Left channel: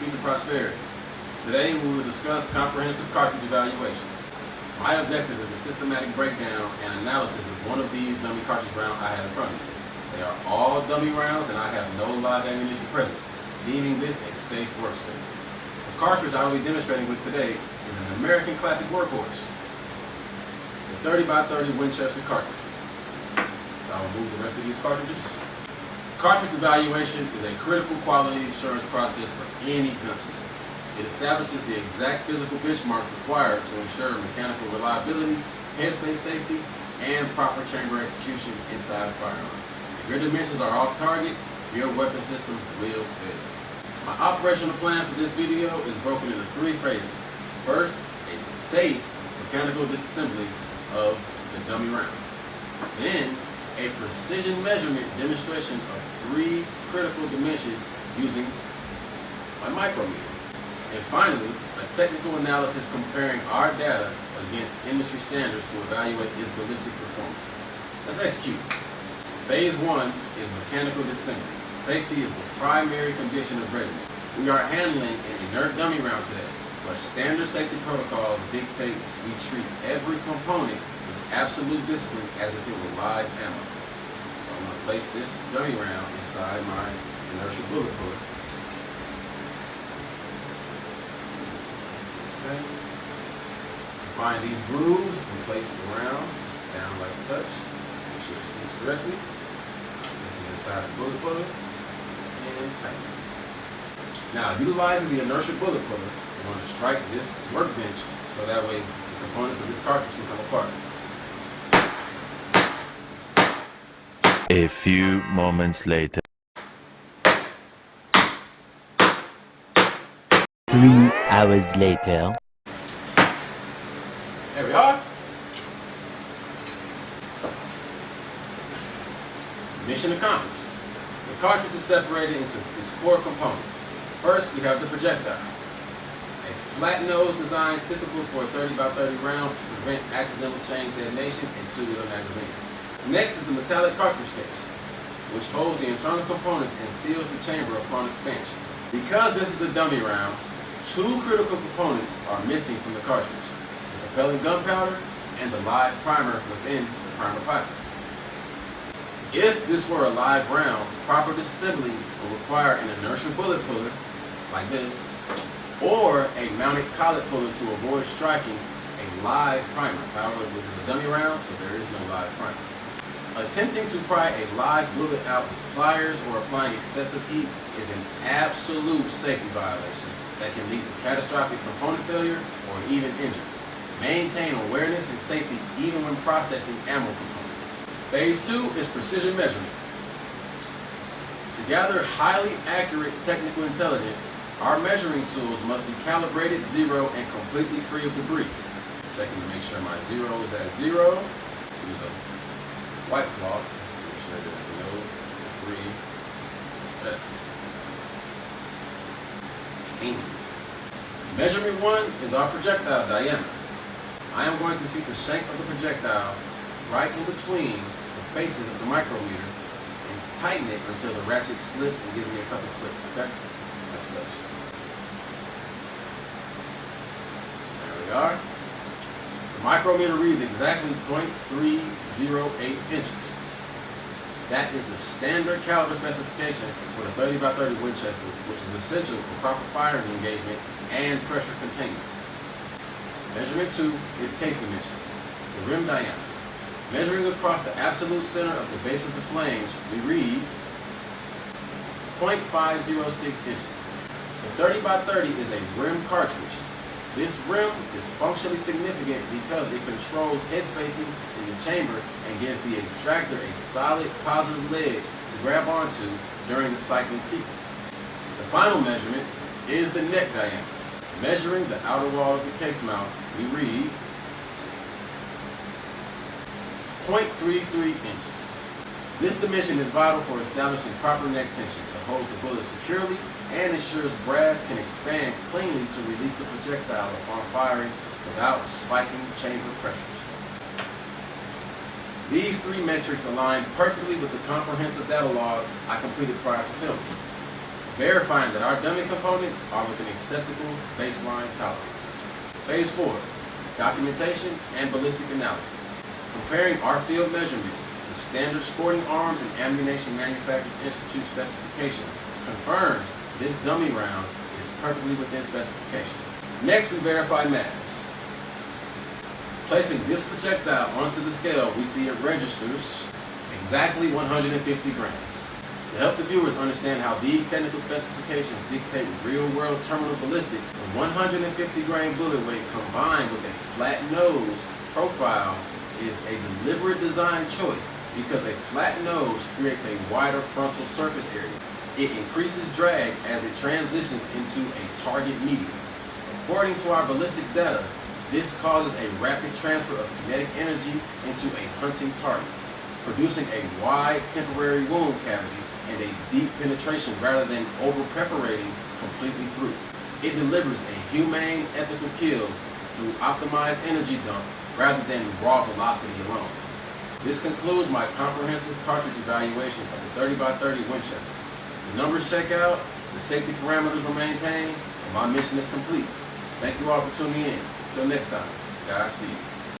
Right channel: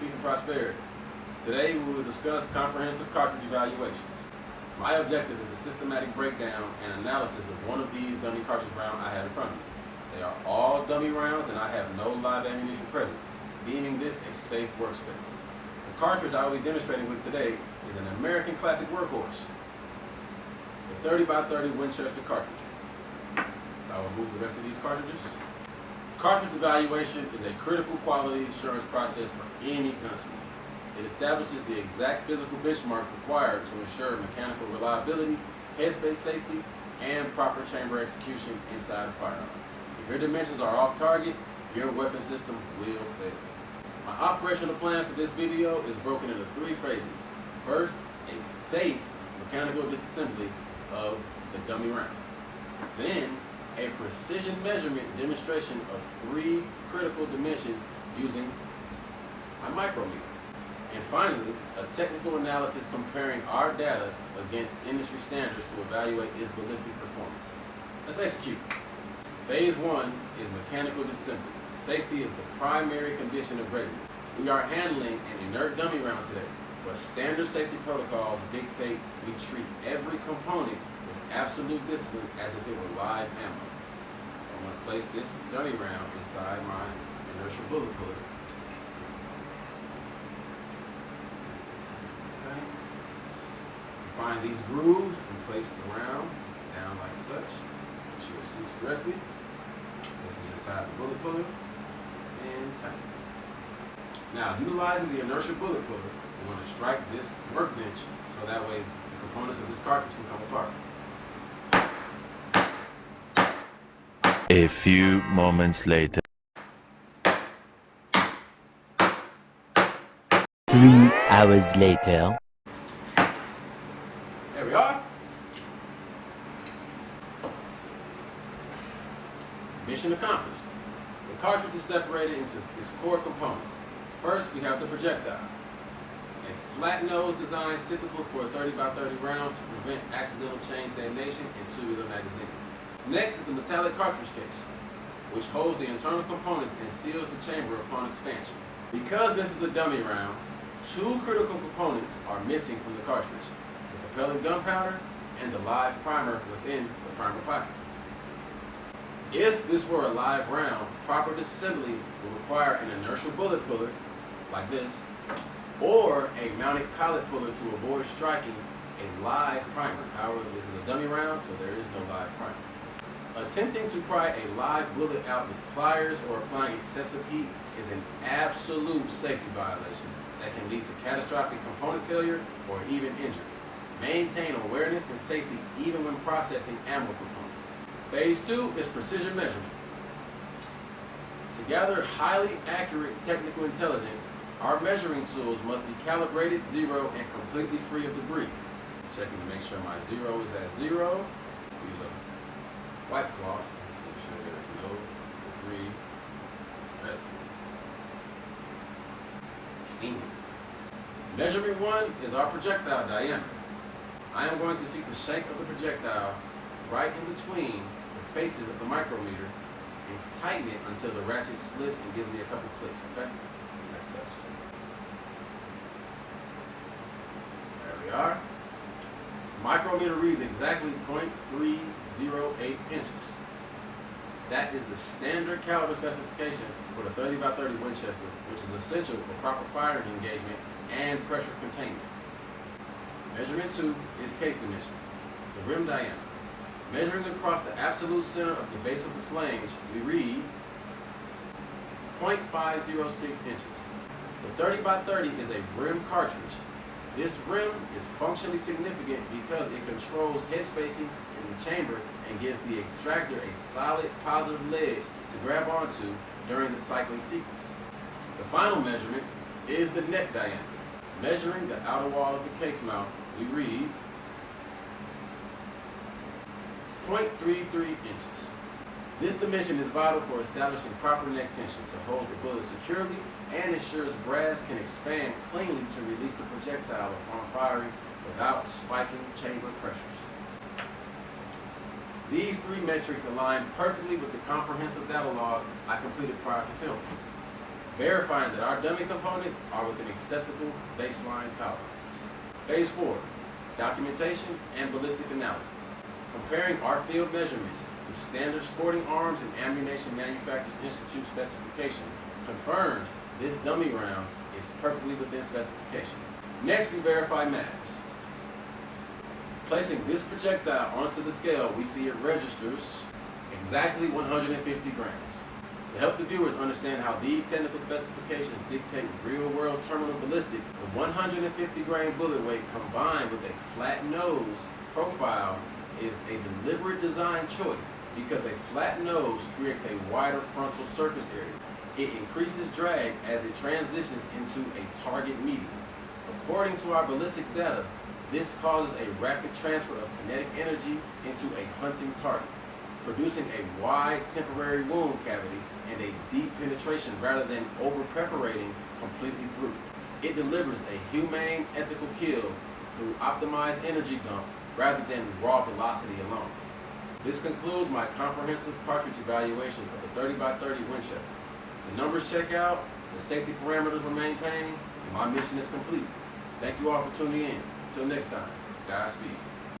peace and prosperity. Today we will discuss comprehensive cartridge evaluations. My objective is a systematic breakdown and analysis of one of these dummy cartridge rounds I have in front of me. They are all dummy rounds and I have no live ammunition present, deeming this a safe workspace. The cartridge I will be demonstrating with today is an American classic workhorse, the 30x30 Winchester cartridge. So I will move the rest of these cartridges. Cartridge evaluation is a critical quality assurance process for any gunsmith. It establishes the exact physical benchmarks required to ensure mechanical reliability, headspace safety, and proper chamber execution inside a firearm. If your dimensions are off target, your weapon system will fail. My operational plan for this video is broken into 3 phases. First, a safe mechanical disassembly of the dummy round. Then, a precision measurement demonstration of 3 critical dimensions using my micrometer. And finally, a technical analysis comparing our data against industry standards to evaluate its ballistic performance. Let's execute. Phase 1 is mechanical disassembly. Safety is the primary condition of readiness. We are handling an inert dummy round today, but standard safety protocols dictate we treat every component with absolute discipline as if it were live ammo. I'm going to place this dummy round inside my inertial bullet puller. Okay. Find these grooves and place the round down like such. Make sure it sits correctly. Place it inside the bullet puller and tighten it. Now, utilizing the inertial bullet puller, we're going to strike this workbench so that way the components of this cartridge can come apart. A few moments later. 3 hours later. There we are. Mission accomplished. The cartridge is separated into its core components. First, we have the projectile. A flat nose design typical for a 30x30 round to prevent accidental chain detonation and tubular magazine. Next is the metallic cartridge case, which holds the internal components and seals the chamber upon expansion. Because this is a dummy round, 2 critical components are missing from the cartridge: the propellant gunpowder and the live primer within the primer pocket. If this were a live round, proper disassembly will require an inertial bullet puller, like this, or a mounted collet puller to avoid striking a live primer. However, this is a dummy round, so there is no live primer. Attempting to pry a live bullet out with pliers or applying excessive heat is an absolute safety violation that can lead to catastrophic component failure or even injury. Maintain awareness and safety even when processing ammo components. Phase 2 is precision measurement. To gather highly accurate technical intelligence, our measuring tools must be calibrated, zero, and completely free of debris. Checking to make sure my zero is at 0. Use a white cloth to make sure there's no debris present. Measurement 1 is our projectile diameter. I am going to seat the shank of the projectile right in between the faces of the micrometer and tighten it until the ratchet slips and gives me a couple clicks, okay? As such. There we are. The micrometer reads exactly 0.308 inches. That is the standard caliber specification for the 30x30 Winchester, which is essential for proper firing engagement and pressure containment. Measurement 2 is case dimension, the rim diameter. Measuring across the absolute center of the base of the flange, we read 0.506 inches. The 30x30 is a rim cartridge. This rim is functionally significant because it controls head spacing in the chamber and gives the extractor a solid positive ledge to grab onto during the cycling sequence. The final measurement is the neck diameter. Measuring the outer wall of the case mouth, we read 0.33 inches. This dimension is vital for establishing proper neck tension to hold the bullet securely and ensures brass can expand cleanly to release the projectile upon firing without spiking chamber pressures. These 3 metrics align perfectly with the comprehensive data log I completed prior to filming. verifying that our dummy components are within acceptable baseline tolerances. Phase 4, documentation and ballistic analysis. Comparing our field measurements to standard sporting arms and ammunition manufacturers institute specification confirms this dummy round is perfectly within specification. Next, we verify mass. Placing this projectile onto the scale, we see it registers exactly 150 grams. To help the viewers understand how these technical specifications dictate real-world terminal ballistics, the 150 grain bullet weight combined with a flat nose profile is a deliberate design choice because a flat nose creates a wider frontal surface area. It increases drag as it transitions into a target medium. According to our ballistics data, this causes a rapid transfer of kinetic energy into a hunting target, producing a wide temporary wound cavity and a deep penetration rather than over-perforating completely through. It delivers a humane, ethical kill through optimized energy dump rather than raw velocity alone. This concludes my comprehensive cartridge evaluation of the 30x30 Winchester. The numbers check out, the safety parameters were maintained, and my mission is complete. Thank you all for tuning in. Until next time, Godspeed.